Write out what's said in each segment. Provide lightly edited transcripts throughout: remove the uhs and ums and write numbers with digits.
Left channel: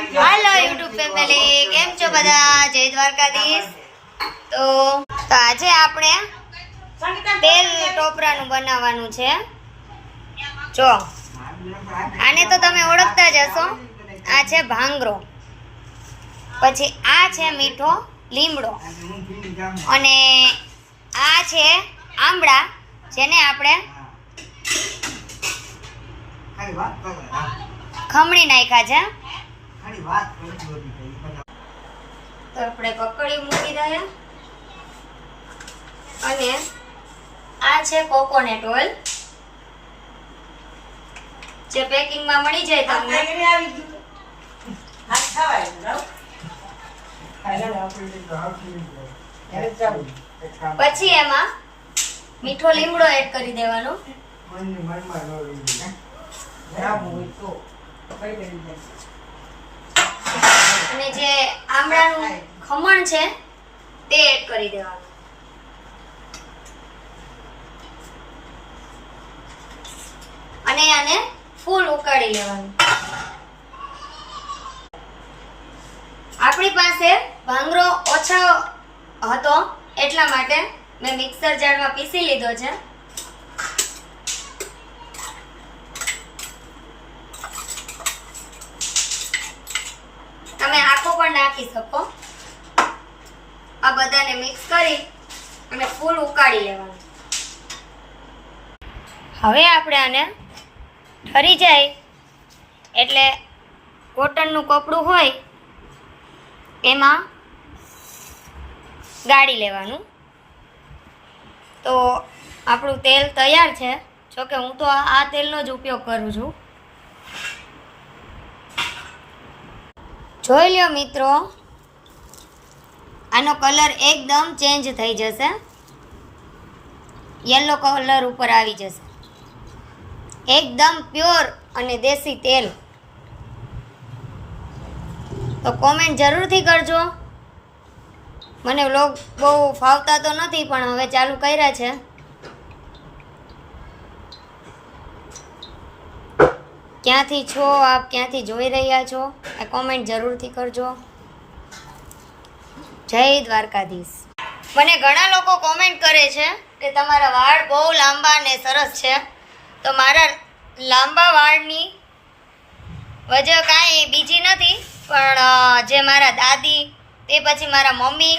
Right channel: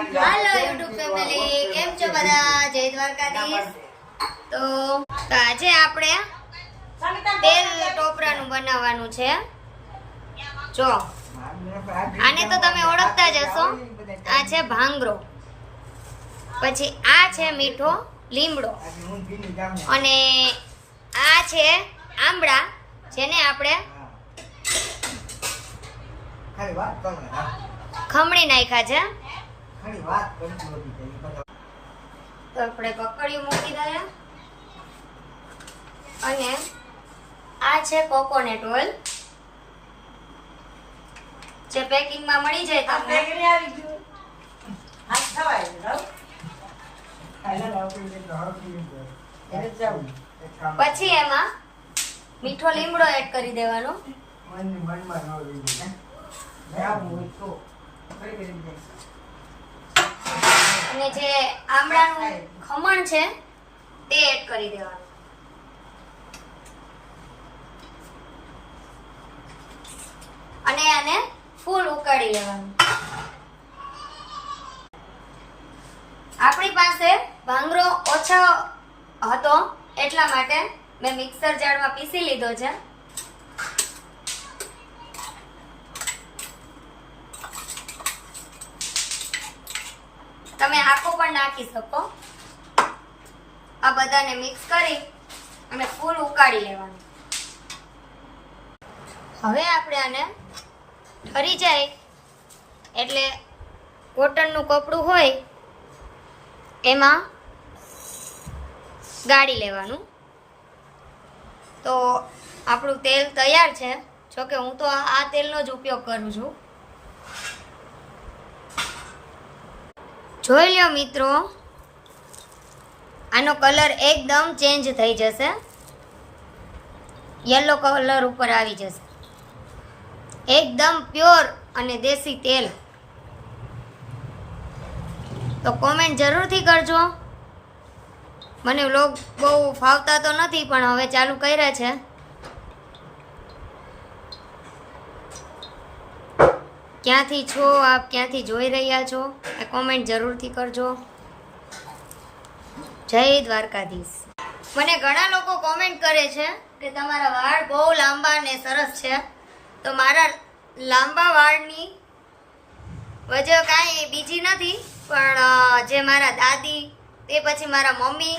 હાલો YouTube family, કેમ છો બધા? જય દ્વારકાધીશ. તો આજે આપણે તેલ ટોપરાનું બનાવવાનું છે. જો આને તો તમે ઓળખતા જ હશો. આ છે ભાંગરો, પછી આ છે મીઠો લીમડો, અને આ છે આંબળા, જેને આપણે ખમણી નાખ્યા છે. તો આપણે પકડ્યું મૂકી દઈએ. અને આ છે કોકોનટ ઓઇલ, જે પેકિંગમાં મળી જાય તમને. પછી એમાં મીઠો લીમડો એડ કરી દેવાનો. અને જે આમળાનું ખમણ છે તે એડ કરી દેવાનું. અને આને ફૂલ ઉકાળી લેવાનું. આપણી પાસે ભાંગરો ઓછો હતો એટલા માટે મેં મિક્સર જારમાં પીસી લીધો છે. તમે આખો પણ નાખી શકો. આ બધાને મિક્સ કરી અને ફૂલ ઉકાળી લેવાનું. હવે આપણે આને ઠરી જાય એટલે કોટનનું કપડું હોય એમાં ગાળી લેવાનું. તો આપણું તેલ તૈયાર છે. જોકે હું તો આ તેલનો જ ઉપયોગ કરું છું. જોઈ લ્યો મિત્રો, આનો કલર એકદમ ચેન્જ થઈ જશે, યલો કલર ઉપર આવી જશે. એકદમ પ્યોર અને દેશી તેલ. તો કોમેન્ટ જરૂરથી કરજો. મને વ્લોગ બહુ ફાવતા તો નથી, પણ હવે ચાલુ કર્યા છે. ક્યાંથી છો આપ, ક્યાંથી જોઈ રહ્યા છો, એ કોમેન્ટ જરૂરથી કરજો. જય દ્વારકાધીશ. મને ઘણા લોકો કોમેન્ટ કરે છે કે તમારા વાળ બહુ લાંબા અને સરસ છે. તો મારા લાંબા વાળની વજહ કાંઈ બીજી નથી, પણ જે મારા દાદી, તે પછી મારા મમ્મી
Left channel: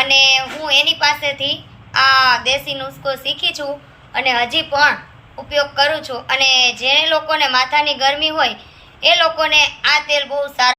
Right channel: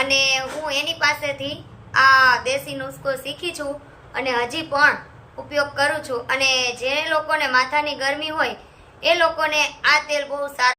અને હું એની પાસેથી આ દેશી નુસ્ખો શીખી છું અને હજી પણ ઉપયોગ કરું છું. અને જે લોકોને માથાની ગરમી હોય એ લોકોને આ તેલ બહુ સારું